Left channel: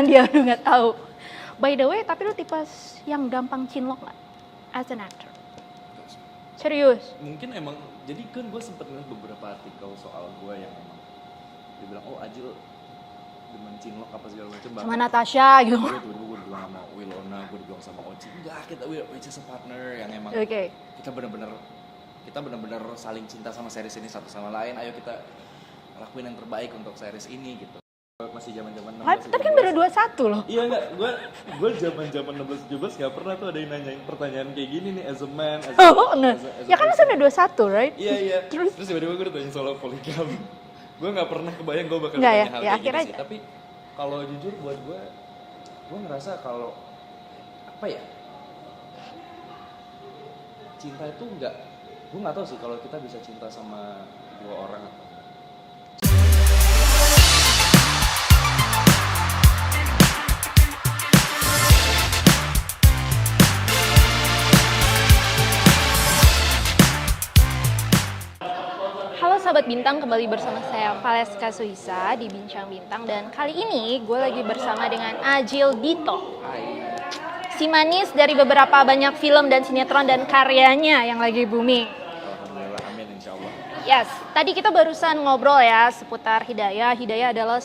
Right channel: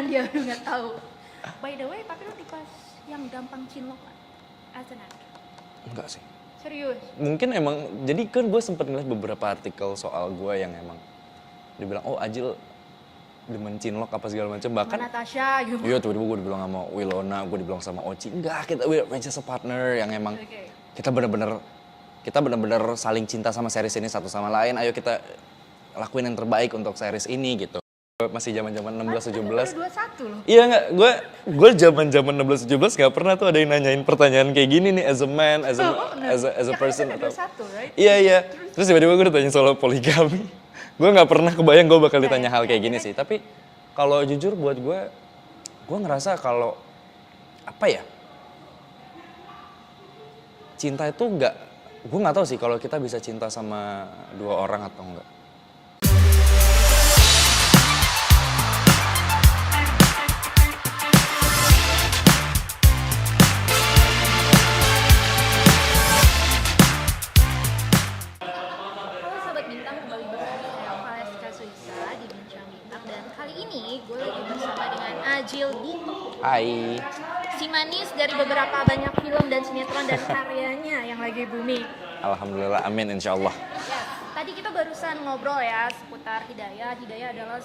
Dia udah nggak tahu. By the way, tapi lu tipe yang gampang cinlok nggak as an actor? Enggak sih. Serius? Mungkin emang, jadi kan gue sempet ngeliat beberapa artikel soal gue yang emang dibilang, oh Ajil demen cinlok apa segala macam, bahkan Sama Natasha gitu. iya tiba-tiba gue dibilang sama Wilona, gue dibilang sama Oci, enggak, we're just a partner yang emang Oke. kita bener-bener saling cinta sama series ini satu sama lain, ayo kita lakuin yang terbaik untuk series ini gitu. Masih zaman-zaman 16 Tapi 17. kan baru 21 loh. Iya enggak, gue zaman-zaman 16 17 gak pernah tuh ada yang nanyain pertanyaan kayak gini nih as a man, as a Ya kan person. itu udah 21, right? Iya. Terus tiba-tiba gue ditanya soal poligami. Gue nggak pernah kebayang gue bakal Nggak ditanya ya? hal Ya, kayak gini akhirnya- sih. Tapi kalau jujur buat gue ngerasa kalau apa ya, cinta itu gue nggak tahu sih kalau kita bisa cinta sama dua orang atau enggak. Halo Sahabat Bintang, kembali bersama saya Valeska Suisa di Bincang Bintang. Dan kali ini gue lagi bersama dengan Ajil Dito, Hai. si manis dari beberapa banyak film dan sinetron dan karyanya yang lagi booming. Alhamdulillah, amin insyaallah. Yes, tadi kita barusan ngobrol ya seputar Hidayah. Hidayah adalah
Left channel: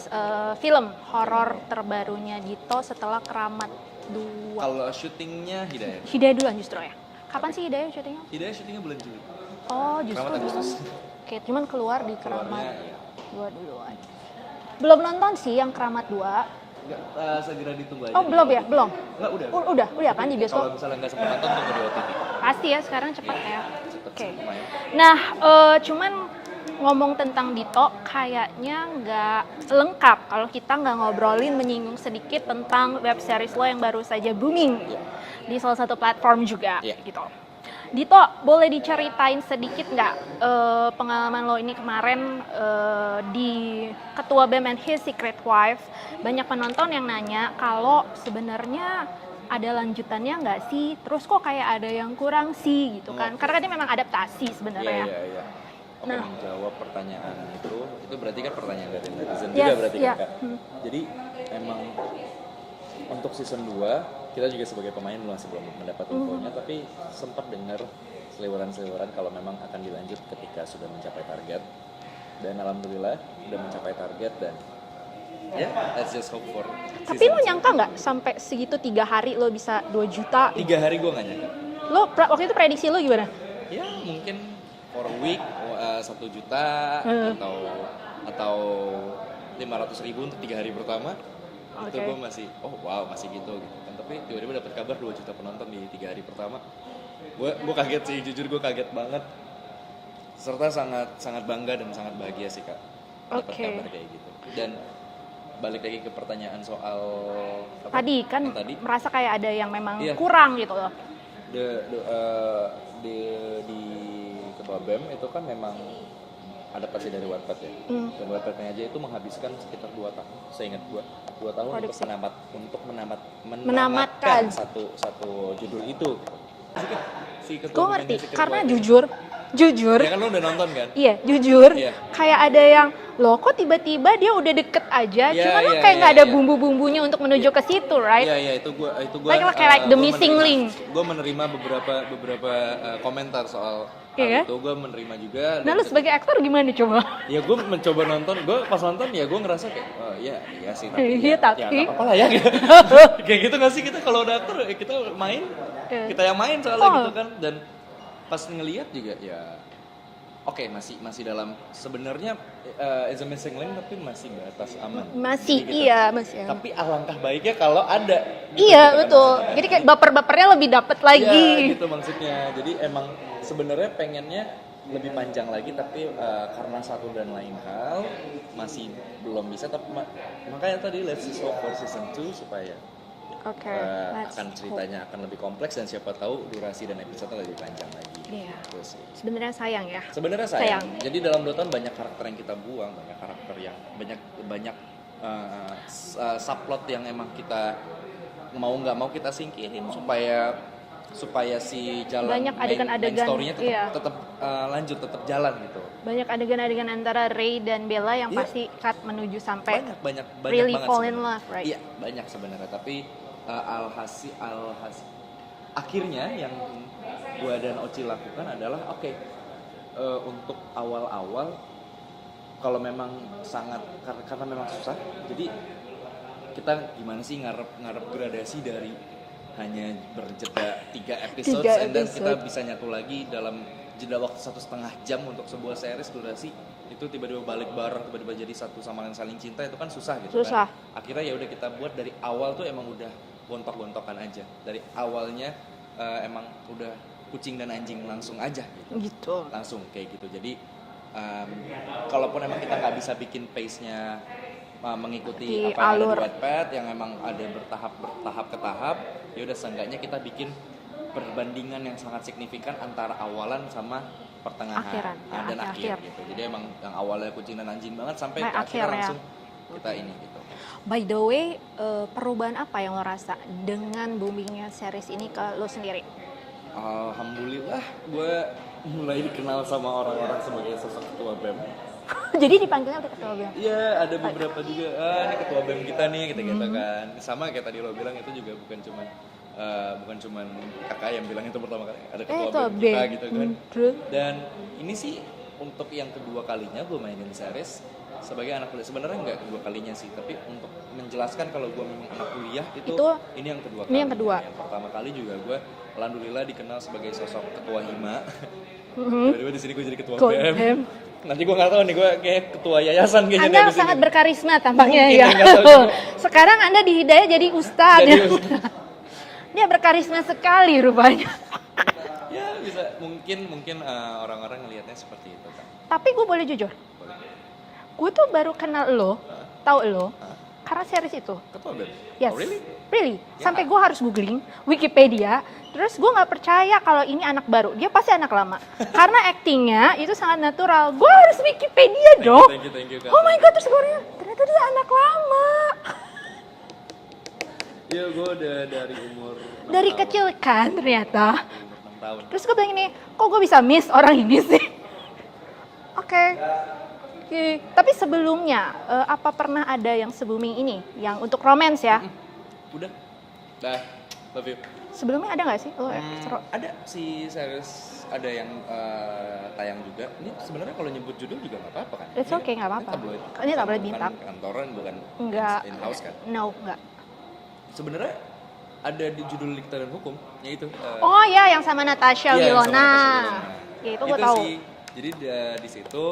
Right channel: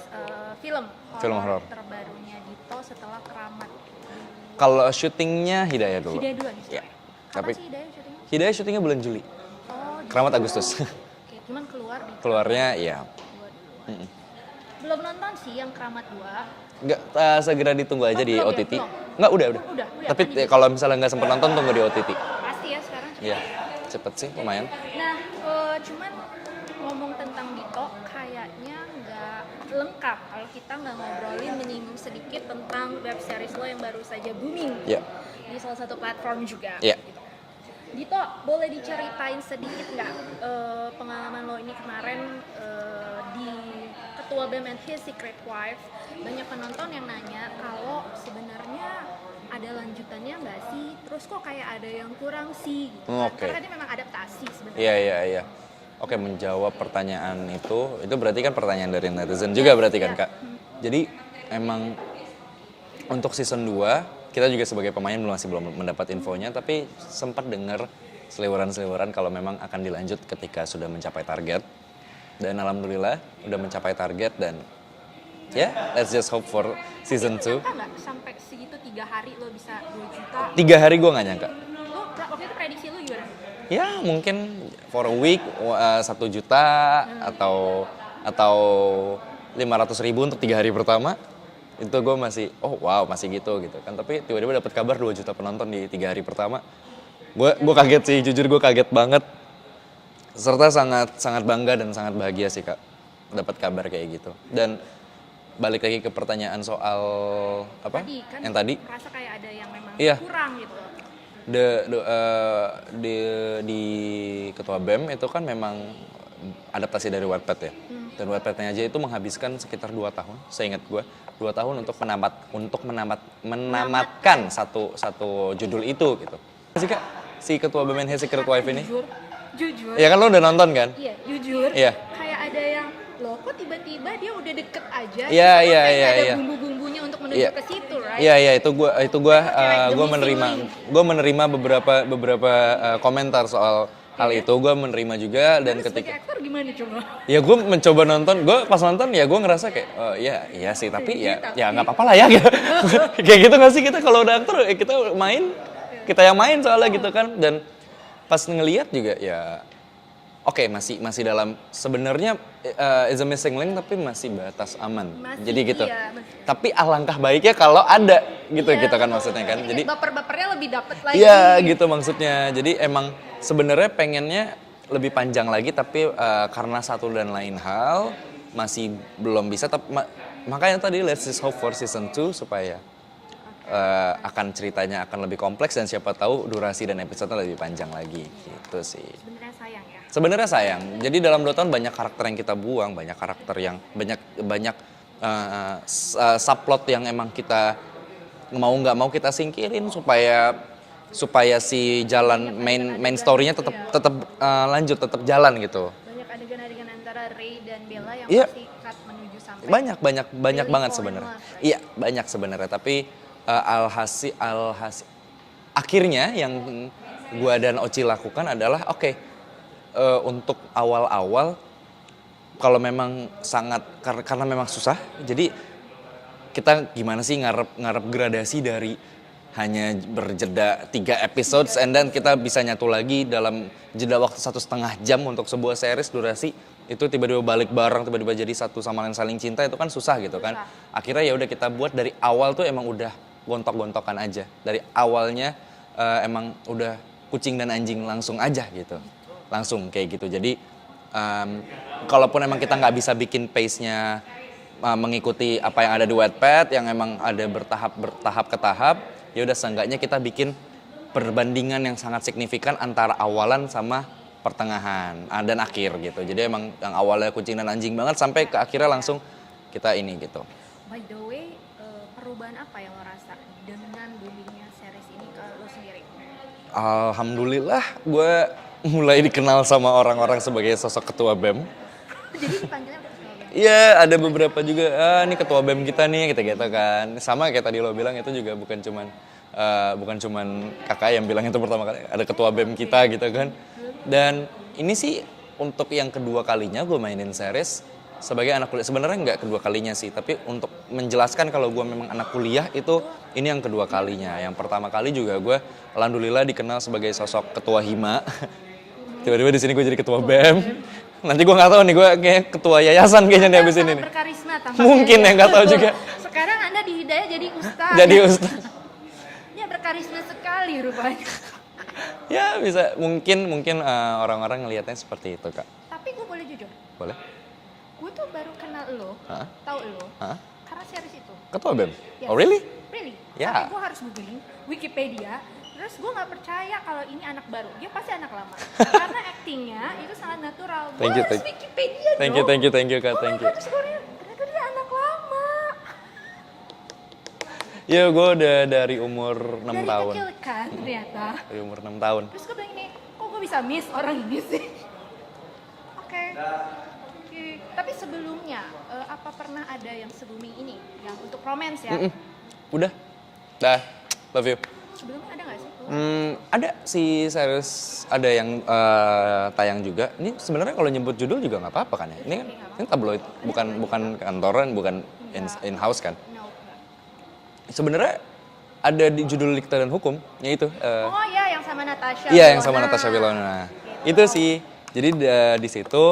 film horor horor. terbarunya Dito setelah Keramat 2. Kalau syutingnya Hidayah dulu. Hidayah duluan justru ya? Kapan Tapi- sih Hidayah syutingnya? Hidayah syutingnya bulan Juli. Oh, justru. Keramat Agustus. Oke, cuman keluar di Keluarnya ya. Keramat 2 duluan. Belum nonton sih yang Keramat 2. Enggak, segera ditunggu aja Oh, di belum ya? OTT. Belum? Enggak, udah. Oh, udah, Tapi kan di besok. kalau misalnya nggak sempat nonton, tunggu di OTT. Pasti ya sekarang cepat Iya, ya. cepet sih, lumayan. Nah, cuman ngomong tentang Dito kayaknya nggak lengkap kalau kita nggak ngobrolin menyinggung sedikit tentang web series lo yang baru saja booming Iya. di salah satu platform juga. Iya. Gitu. Dito, boleh diceritain sedikit nggak pengalaman lo ini kemarin di Ketua BEM and His Secret Wife? Banyak penonton yang nanya kalau sebenarnya ada lanjutannya nggak sih? Terus kok kayak ada yang kurang sih gitu kan? Oke. Karena kan ini memang adaptasi sebenarnya. Iya. Oke, Nah. menjawab pertanyaan itu berarti kan pertanyaan dari netizen Yes, juga berarti kan, iya. Kak? Jadi emang untuk season 2 kita juga sebagai pemain masih belum mendapat infonya, tapi sempat dengar seliweran-seliweran kalau memang akan dilanjut ketika sudah mencapai target. Dan alhamdulillah udah mencapai target dan ya, let's just hope for Tapi season lo 2. nyangka nggak sampai segitu 3 hari lo bisa 2 juta? 3 hari gue nggak nyangka. Lo waktu itu prediksi lo gimana? Ya mungkin for a week 1 juta atau 500.000 untuk 3 hari pertama. Itu gue masih, oh wow masih gitu kan. Tapi tiba-tiba dapat kabar 2 juta penonton di 3 hari pertama. Gue kaget sih, jujur gue kaget banget. Serta sangat bangga dan sangat bahagia sih, Kak, dapat Oke. kabar kayak gitu. Dan balik lagi ke pertanyaan soal apa? Tadi kan Yang tadi merasa kayak ada yang memang Iya. kurang gitu loh. Di Ketua BEM itu kan memang adaptasi dari Wattpad ya. Dan Wattpadnya aja itu menghabiskan sekitar 2 tahun, seingat gue. 2 tahun untuk menamatkan satu judul itu gitu. Sih, Kak, si Ketua BEM and His Secret Karena Wife ini. jujur, Ya kan lo udah nonton kan? iya jujur, Iya. kayak ada yang loh kok tiba-tiba dia udah deket aja, Iya, cuma kan iya, kayak nggak iya, ada iya. bumbu-bumbunya untuk menuju Iya. ke situ, right? Iya, itu gue Kayak like the missing link. gue menerima beberapa komentar soal hal Iya. itu. Gue menerima juga Dan dan lu sebagai aktor gimana coba? ya gue mencoba nonton, gue pas nonton ya gue ngerasa kayak iya sih, tapi Iya, tapi- ya nggak apa-apa lah ya. Kayak gitu nggak sih, kita kalau udah aktor kita main, kita yang main soalnya gitu kan. Dan pas ngelihat juga ya oke, masih dalam sebenarnya is a missing link tapi masih batas aman. Masih, Jadi gitu. iya, masih. Tapi alangkah baiknya kalau ada gitu Iya kan betul. maksudnya kan. Jadi kayak baper-bapernya lebih dapet lagi. Iya gitu maksudnya. Jadi emang sebenarnya pengennya lebih panjang lagi tapi karena satu dan lain hal masih belum bisa. Tapi makanya tadi let's just hope for season 2 supaya Oke. akan ceritanya akan lebih kompleks dan siapa tahu durasi dan episode lebih panjang lagi. Iya. Gitu sih. Sebenarnya sayang ya. Sebenarnya sayang. Jadi dalam 2 tahun banyak karakter yang kita buang, banyak karakter yang banyak subplot yang emang kita mau nggak mau kita singkirin supaya supaya si jalan Banyak main adegan-adegan, story-nya tetap iya. tetap lanjut, tetap jalan gitu. Banyak adegan-adegan antara Ray dan Bella yang Iya. pasti cut menuju sampai Banyak really banget fall in sebenarnya. love, right? Iya, banyak sebenarnya, tapi alhasil akhirnya yang gua dan Oci lakukan adalah oke, untuk awal-awal kalau memang sangat karena memang susah, jadi kita gimana sih ngarep gradasi dari hanya berjeda 3 episodes, and then kita bisa nyatu lagi dalam jeda waktu 1,5 jam untuk sebuah series durasi itu tiba-tiba balik bareng, tiba-tiba jadi satu sama lain saling cinta, itu kan susah gitu Susah. kan. Akhirnya ya udah kita buat dari awal tuh emang udah gontok-gontokan aja. Dari awalnya emang udah kucing dan anjing langsung aja gitu. Gitu. Langsung kayak gitu. Jadi kalaupun emang kita nggak bisa bikin pace-nya mengikuti apa yang ada di Wattpad yang emang ada bertahap ke tahap, ya udah seenggaknya kita bikin perbandingan yang sangat signifikan antara awalan sama pertengahan dan akhir gitu. Jadi emang yang awalnya kucing dan anjing banget sampai ke akhirnya langsung kita ini gitu. By the way, perubahan apa yang lo rasa dengan boomingnya series ini ke lo sendiri? Alhamdulillah gue mulai dikenal sama orang-orang sebagai sosok ketua BEM. Jadi dipanggilnya udah ketua BEM? Iya, ada beberapa juga, ini ketua BEM kita nih, gitu-gitu kan. Sama kayak tadi lo bilang, itu juga bukan cuman kakak yang bilang itu pertama kali, ada ketua BEM kita gitu kan. Dan ini sih untuk yang kedua kalinya gue mainin series sebagai anak kuliah. Sebenarnya nggak kedua kalinya sih, tapi untuk menjelaskan kalau gue memang anak kuliah itu ini yang kedua kalinya. Yang pertama kali juga gue alhamdulillah dikenal sebagai sosok ketua Hima. Tiba-tiba di sini gue jadi ketua BEM. Nanti gue nggak tahu nih, gue kayak ketua yayasan kayaknya nih abis ini. Anda sangat berkarisma tampaknya. Mungkin ya, nggak tahu juga. Sekarang Anda di Hidayah jadi ustadz. Jadi ustadz. Dia berkarisma sekali rupanya. Ya bisa, mungkin orang-orang ngelihatnya seperti itu Kak. Tapi gue boleh jujur, Boleh? gue tuh baru kenal lo, tahu lo, Hah? karena series itu. Ketua BEM? Yes. Oh really? Really. Ya. Sampai gue harus googling Wikipedia. Terus gue nggak percaya kalau ini anak baru. Dia pasti anak lama. Karena aktingnya itu sangat natural. Gue Thank you, harus Wikipedia dong. Thank you Kak. Oh my thank god, you. terus gue lihat ternyata dia anak lama. Iya, gue udah dari umur 6 Dari tahun. kecil kan ternyata. Dari umur 6 tahun. Terus gue bilang ini, kok gue bisa miss orang ini sih? Oke. Tapi sebelumnya, apa pernah ada yang se-booming ini? Yang untuk romance ya? Udah. Dah. Love you. Sebelumnya ada nggak sih? Ada si series, ada yang tayang juga. Ini sebenarnya kalau nyebut judul juga nggak apa-apa kan ya? It's okay, nggak apa-apa. Ini tabloid, Ini tabloid bukan hitam. kantoran, bukan Enggak. in-house kan? No, enggak. Sebenarnya ada di judul Dikta dan Hukum, yaitu. Oh ya, yang sama Natasha Iya, yang Wilona. sama Natasha Wilona. Ya, itu Itu gua tahu. sih. Jadi di situ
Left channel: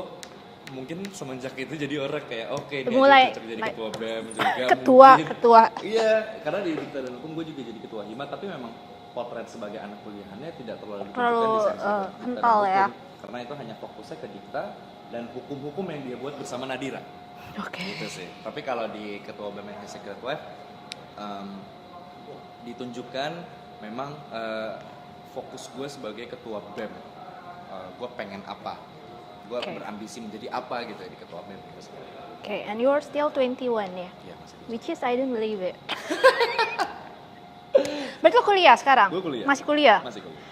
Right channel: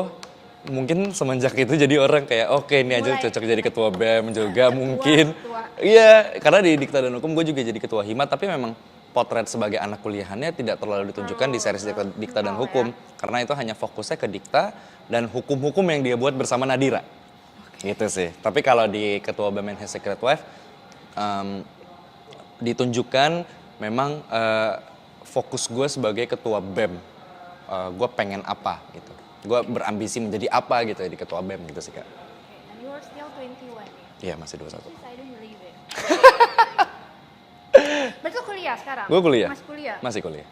mungkin semenjak itu jadi orang kayak oke ini Mulai, aja cocok jadi ketua BEM juga Ketua, mungkin. ketua. Iya, karena di Dikta dan Hukum gue juga jadi ketua Hima, tapi memang potret sebagai anak kuliahannya tidak terlalu ditunjukkan di series Dikta dan kental Hukum. ya. Karena itu hanya fokusnya ke Dikta dan hukum-hukum yang dia buat bersama Nadira. Oke. Gitu sih. Tapi kalau di ketua BEM and His Secret Wife ditunjukkan memang fokus gue sebagai ketua BEM. Gue pengen apa gitu. Gue berambisi menjadi apa gitu di ketua BEM gitu sih Kak. Oke, and you are still 21 ya? Iya masih 21. Which is I don't believe it. Berarti lo kuliah sekarang? Gue kuliah. Masih kuliah? Masih kuliah.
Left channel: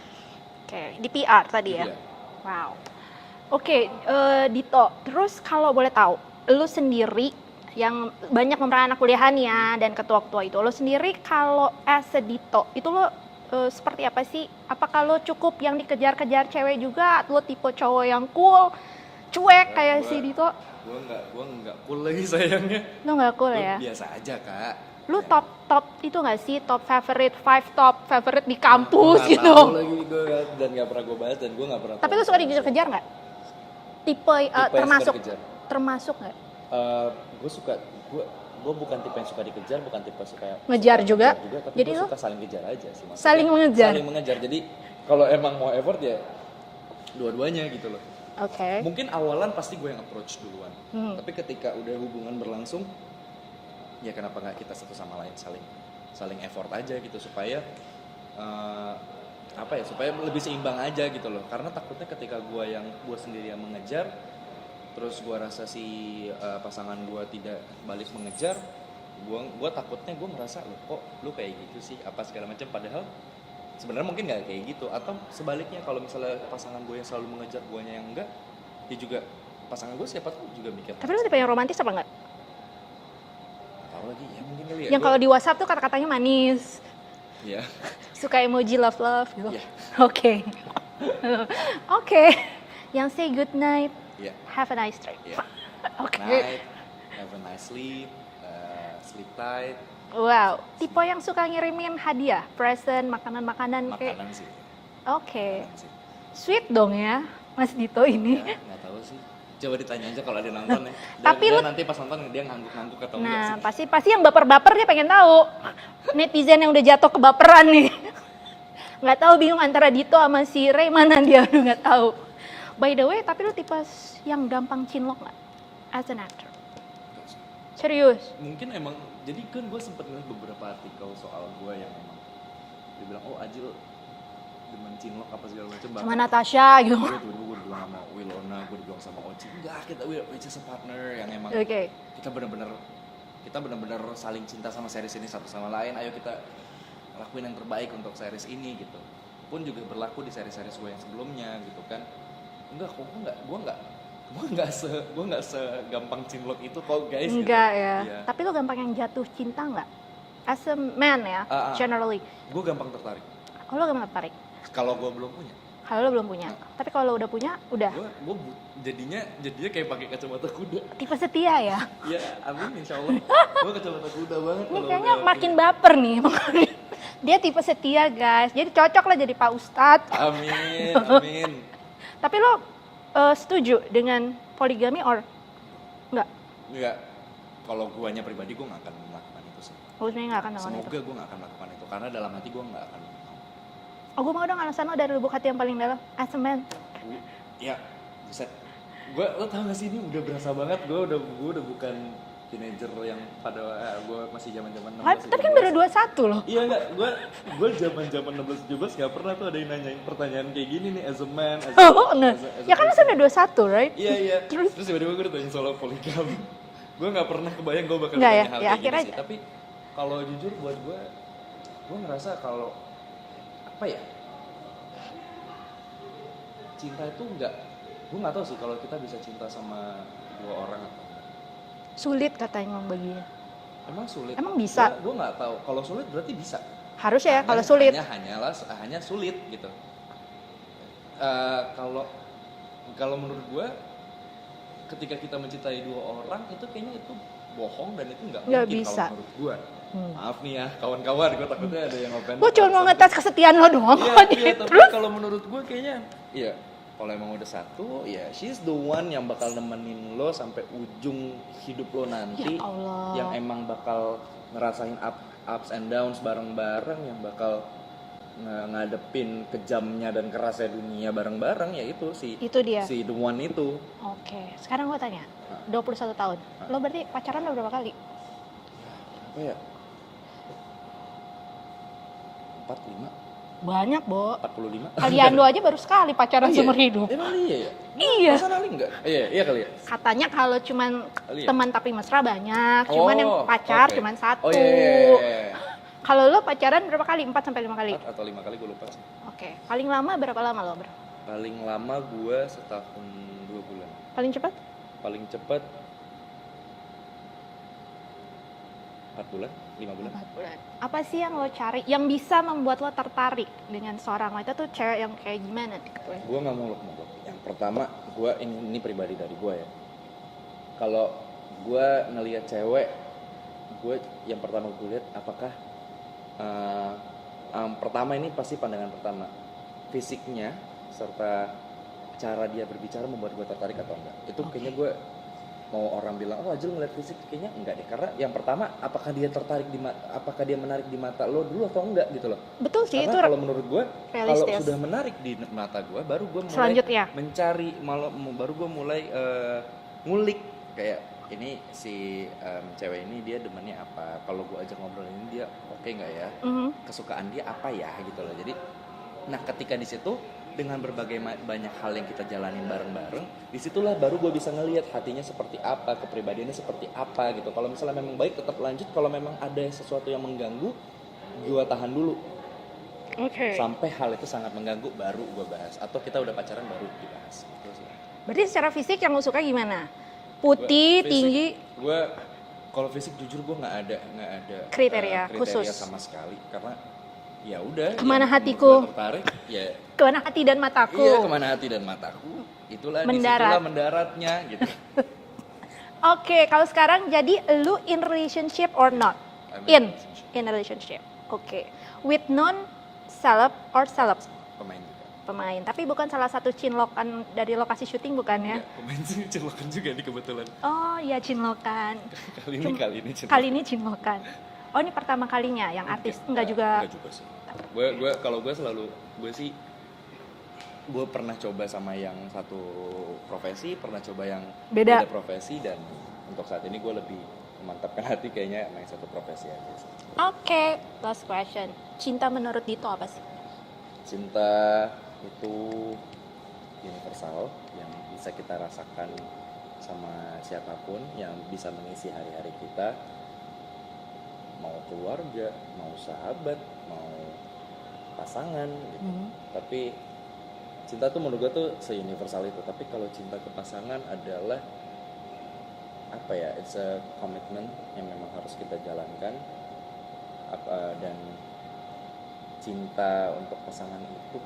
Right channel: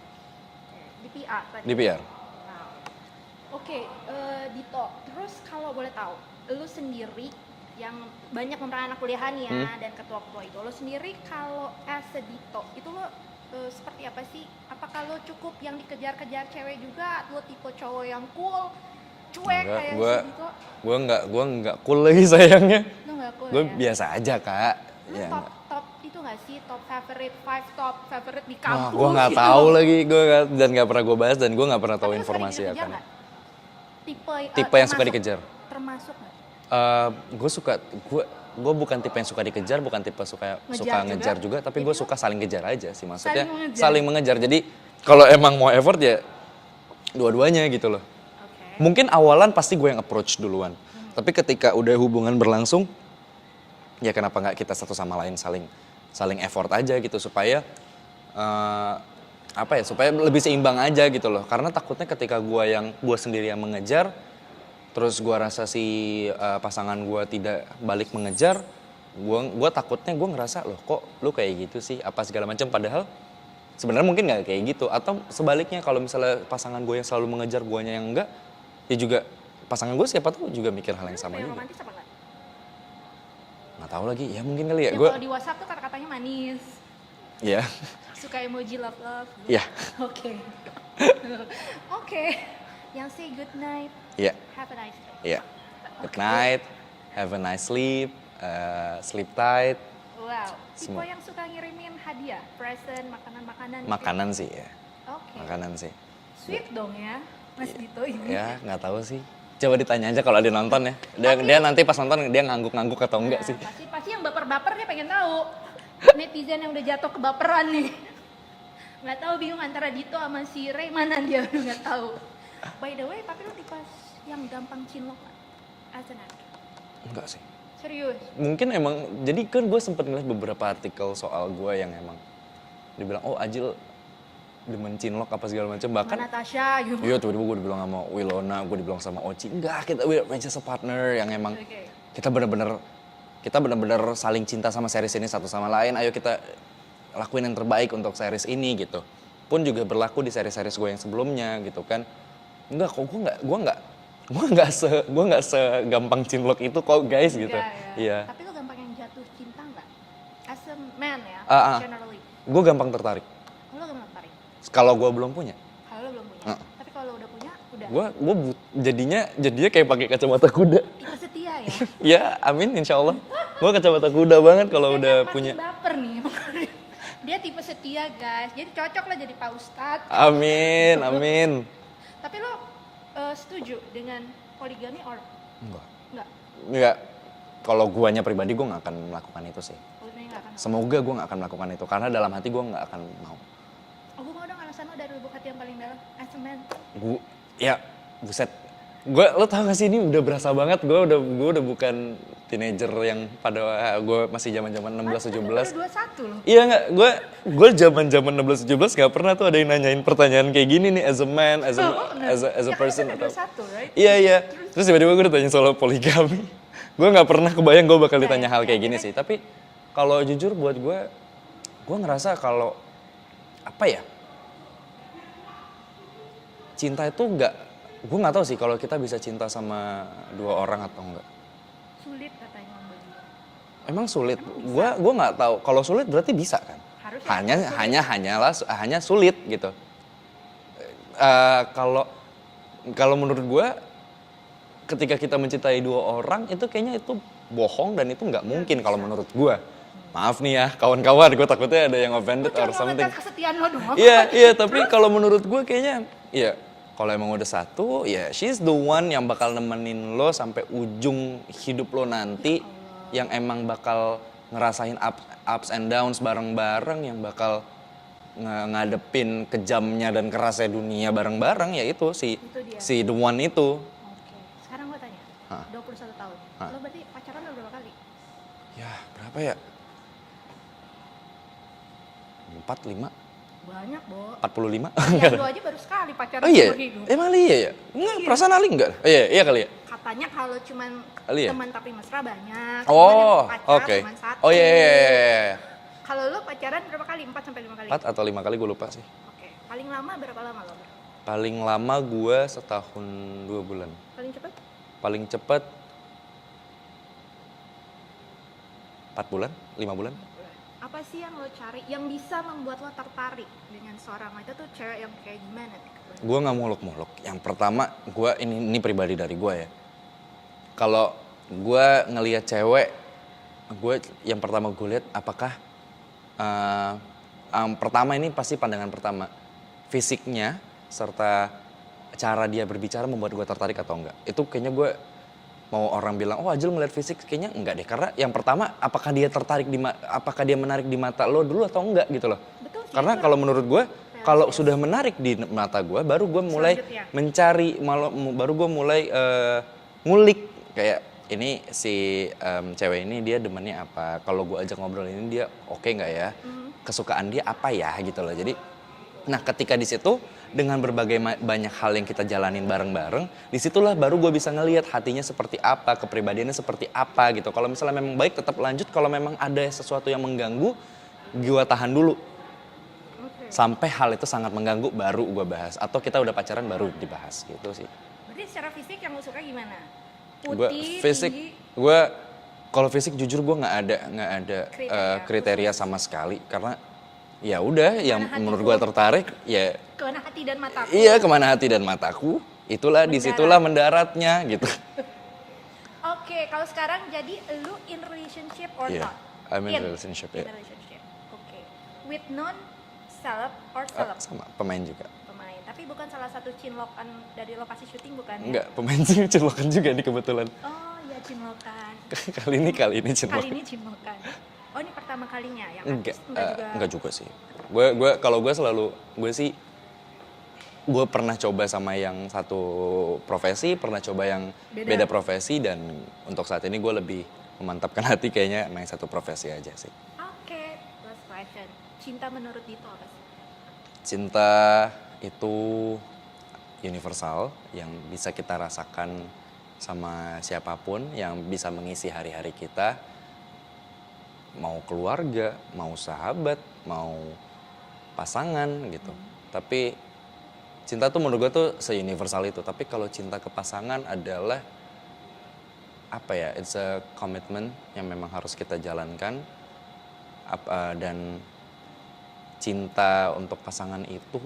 Oke, di PR tadi Di ya? PR. Wow. Oke, Dito, terus kalau boleh tahu, lu sendiri yang banyak memeran anak kuliahan ya dan ketua-ketua itu, lo sendiri kalau as a Dito, itu lo seperti apa sih? Apakah lo cukup yang dikejar-kejar cewek juga? Lo tipe cowok yang cool, cuek kayak si Dito? Gue nggak cool lagi sayangnya. Lo nggak cool Gue ya? biasa aja Kak. Lu Ya, top itu nggak sih? Top favorite, 5 top favorite di gue kampus nggak gitu? tahu lagi dan nggak pernah gue bahas dan gue nggak pernah tahu Tapi lu suka informasi dikejar apa. nggak? Tipe Yang suka dikejar. Termasuk nggak? Gue bukan tipe yang suka dikejar, bukan tipe suka Ngejar juga? ngejar juga, tapi Jadi gue lu suka saling kejar aja sih maksudnya. saling mengejar? Saling mengejar. Jadi kalau emang mau effort ya dua-duanya gitu loh. Oke. Mungkin awalan pasti gue yang approach duluan, tapi ketika udah hubungan berlangsung, ya kenapa nggak kita satu sama lain saling effort aja gitu supaya supaya lebih seimbang aja gitu loh. Karena takutnya ketika gue sendiri yang mengejar, terus gue rasa si pasangan gue tidak balik mengejar, gue takutnya gue ngerasa loh kok lu kayak gitu sih apa segala macam, padahal sebenarnya mungkin nggak kayak gitu. Atau sebaliknya kalau misalnya pasangan gue yang selalu mengejar guanya yang enggak, ya juga pasangan gue siapa tahu juga mikir hal Tapi yang lu sama. tipe yang romantis apa enggak? Nggak tahu lagi, ya mungkin kali ya. Yang kalau di WhatsApp tuh kata-katanya manis, Ya, suka emoji love gitu. ya, Oke. Oke. Yang say good night, ya, have a nice dream. ya. Oke. Good night, have a nice sleep, sleep tight. Wow, tipe yang suka ngirimin hadiah, present, makanan-makanan kayak- Makanan sih ya, Oke. makanan sih. Sweet dong ya, Mas Dito ini. Ya, nggak tahu sih. Coba ditanya aja kalau ada nonton ya. Tapi Dia nanti pas nonton dia ngangguk-ngangguk atau enggak sih. Nah, pasti yang baper-baper dia pengen tahu. Netizen yang udah jatuh kebaperan nih. Nggak tahu, bingung antara Dito sama si Ray mana dia, udah nggak tahu. By the way, tapi lu tipe yang gampang cinlok nggak? As an actor. Enggak sih. Serius? Mungkin emang, jadi kan gue sempet ngeliat beberapa artikel soal gue yang emang dibilang, oh Ajil demen cinlok apa segala macam. Sama Bahkan Natasha gitu. iya tiba-tiba gue dibilang sama Wilona, gue dibilang sama Oci. Enggak, we're just a partner yang emang Oke. kita benar-benar saling cinta sama series ini satu sama lain. Ayo kita lakuin yang terbaik untuk series ini gitu. Pun juga berlaku di series-series gue yang sebelumnya gitu kan. Enggak kok, gue nggak segampang cinlok itu kok guys gitu. Enggak ya. Iya. Tapi lu gampang yang jatuh cinta nggak? As a man ya, generally. Gue gampang tertarik. Kalau lu gampang tertarik? Kalau gue belum punya. Kalau lu belum punya. Tapi kalau lu udah punya, udah. Gue jadinya kayak pakai kacamata kuda. Tipe setia ya. Ya, amin insya Allah. Gue kacamata kuda banget kalau Kayaknya udah makin punya. baper nih. Dia tipe setia guys. Jadi cocok lah jadi Pak Ustadz. Amin, amin. Tapi lo setuju dengan poligami or enggak? Enggak. Kalau guanya pribadi gue nggak akan melakukan itu sih. Lo sebenarnya nggak akan. Semoga gue nggak akan melakukan itu karena dalam hati gue nggak akan mau. Oh, gue mau dong alasan lo dari lubuk hati yang paling dalam. As a man. Ya, buset. Lo tau gak sih ini udah berasa banget. Gue udah bukan teenager yang pada gue masih zaman-zaman 16 Tapi 17. baru 21 loh. Iya nggak, gue zaman 16 17 nggak pernah tuh ada yang nanyain pertanyaan kayak gini nih as a man, as a Ya kan itu person. udah 21, right? Iya. Terus? Terus tiba-tiba gue ditanya soal poligami. Gue nggak pernah kebayang gue bakal Nggak ditanya ya? hal Ya, kayak gini akhirnya- sih. Tapi kalau jujur buat gue ngerasa kalau apa ya? Cinta itu gue nggak tahu sih kalau kita bisa cinta sama dua orang atau enggak. Sulit katanya emang baginya. Emang sulit. Emang bisa? Gue nggak tahu. Kalau sulit berarti bisa kan? Harusnya ya kalau sulit. Hanya sulit gitu. Kalau menurut gue, ketika kita mencintai dua orang itu kayaknya itu bohong dan itu nggak Nggak mungkin kalau bisa. menurut gue. Maaf nih ya kawan-kawan, gue takutnya ada yang offended. Gue cuma or mau something. ngetes kesetiaan lo doang. Iya, tapi kalau menurut gue kayaknya, ya kalau emang udah satu, ya she's the one yang bakal nemenin lo sampai ujung hidup lo nanti. Ya Allah. Yang emang bakal ngerasain ups and downs bareng-bareng, yang bakal ngadepin kejamnya dan kerasnya dunia bareng-bareng, ya itu Itu dia. si the one itu. Oke, sekarang gue tanya. Hah? 21 tahun. Lo berarti pacaran udah berapa kali? Ya berapa ya? 4, 5, Banyak, Bo. 45. Kalian lo aja baru sekali pacaran Oh iya? seumur hidup. Emang iya ya? Iya. Perasaan Ali enggak? Iya kali ya? Katanya kalau cuman Kali ya? teman tapi mesra banyak, cuman yang pacar oke. cuman satu. Oh iya. Kalau lo pacaran berapa kali? 4 sampai 5 kali? 4 atau 5 kali gue lupa sih. Oke. Paling lama berapa lama lo, Bro? Paling lama gue setahun 2 bulan. Paling cepat? Paling cepet 4 bulan, 5 bulan. 4 bulan. Apa sih yang lo cari yang bisa membuat lo tertarik dengan seorang wanita tuh cewek yang kayak gimana tipe? Gue nggak muluk-muluk. Yang pertama, gue ini pribadi dari gue ya. Kalau gue ngelihat cewek, gue yang pertama gue lihat apakah pertama ini pasti pandangan pertama, fisiknya serta cara dia berbicara membuat gue tertarik atau enggak. Itu kayaknya gue mau orang bilang, oh Ajil ngeliat fisik, kayaknya enggak deh. Karena yang pertama, apakah dia apakah dia menarik di mata lo dulu atau enggak gitu loh. Betul sih. Karena itu kalau menurut gue, kalau realistis. sudah menarik di mata gue, baru gue mulai Selanjutnya. mencari, baru gue mulai ngulik kayak ini si cewek ini dia demennya apa. Kalau gue ajak ngobrol ini dia oke nggak ya? Kesukaan dia apa ya gitu loh. Jadi, nah ketika di situ dengan berbagai banyak hal yang kita jalanin bareng-bareng, disitulah baru gue bisa ngelihat hatinya seperti apa, kepribadiannya seperti apa gitu. Kalau misalnya memang baik tetap lanjut, kalau memang ada sesuatu yang mengganggu, gue tahan dulu. Oke. Sampai hal itu sangat mengganggu baru gue bahas. Atau kita udah pacaran baru dibahas gitu sih. Berarti secara fisik yang lo suka gimana? Putih, tinggi? Gue kalau fisik jujur gue nggak ada Kriteria khusus. sama sekali karena ya udah yang Kemana menurut hatiku? gue tertarik ya Kemana hati dan mataku? iya kemana hati dan mataku itulah Mendarat. disitulah mendaratnya gitu. Oke, kalau sekarang jadi lu in relationship or Yeah, not? I'm in a relationship, In yeah. a relationship. Oke. With non-celeb or celeb? Sama pemain juga. Pemain, tapi bukan salah satu cinlokan dari lokasi syuting bukan ya? Enggak, pemain sih celokan juga nih kebetulan. Oh iya cinlokan. kali ini celokan. Kali ini cinlokan. Oh ini pertama kalinya yang artis enggak juga? Enggak juga sih. Kalau gue selalu gue pernah coba sama yang satu profesi, pernah coba yang beda profesi dan untuk saat ini gue lebih memantapkan hati kayaknya main satu profesi aja sih. Oke, last question. Cinta menurut Dito apa sih? Cinta itu universal yang bisa kita rasakan sama siapapun yang bisa mengisi hari-hari kita. Mau keluarga, mau sahabat, mau pasangan gitu. Tapi cinta tuh menurut gue tuh se-universal itu. Tapi kalau cinta ke pasangan adalah apa ya? It's a commitment yang memang harus kita jalankan. Dan cinta untuk pasangan itu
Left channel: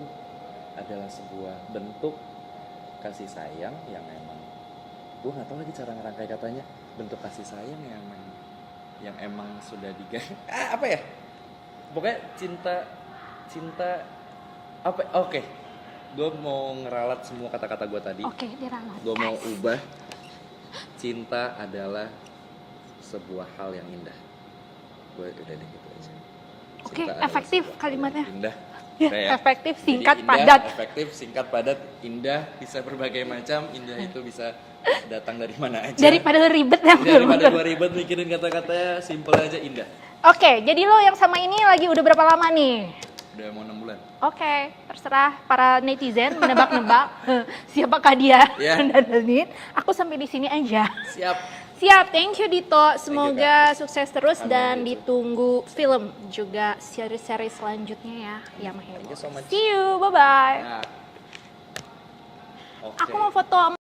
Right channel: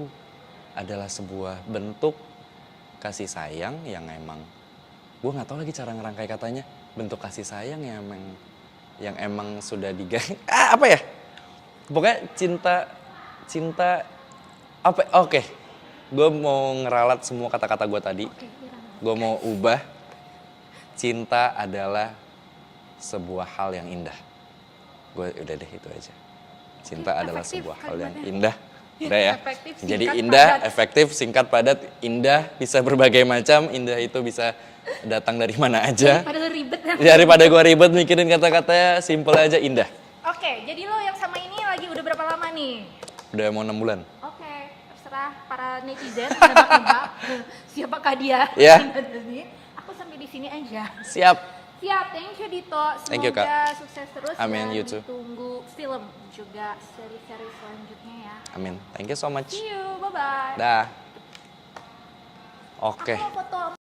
adalah sebuah bentuk kasih sayang yang emang gue nggak tahu lagi cara ngerangkai katanya, bentuk kasih sayang yang emang sudah apa ya, pokoknya cinta apa, oke. Gue mau ngeralat semua kata-kata gue tadi. Oke, diralat. Gue mau ubah, cinta adalah sebuah hal yang indah. Gue udah deh itu aja. Cinta adalah efektif sebuah kalimatnya. hal yang indah. Udah ya. Efektif, Jadi singkat, indah, padat. efektif, singkat, padat, indah, bisa berbagai macam. Indah itu bisa datang dari mana aja. Daripada ribet ya. Daripada gue ribet mikirin kata-katanya, simple aja indah. Oke, jadi lo yang sama ini lagi udah berapa lama nih? Udah mau 6 bulan. Oke, terserah para netizen menebak-nebak siapakah dia. Ya. Aku sampai di sini aja. Siap. Siap, thank you Dito. Thank you, Semoga sukses terus Amin, dan you too. ditunggu film juga seri-seri selanjutnya ya. Amin. Yang Thank you so much. See you, bye-bye. Dah. Oke. Aku mau foto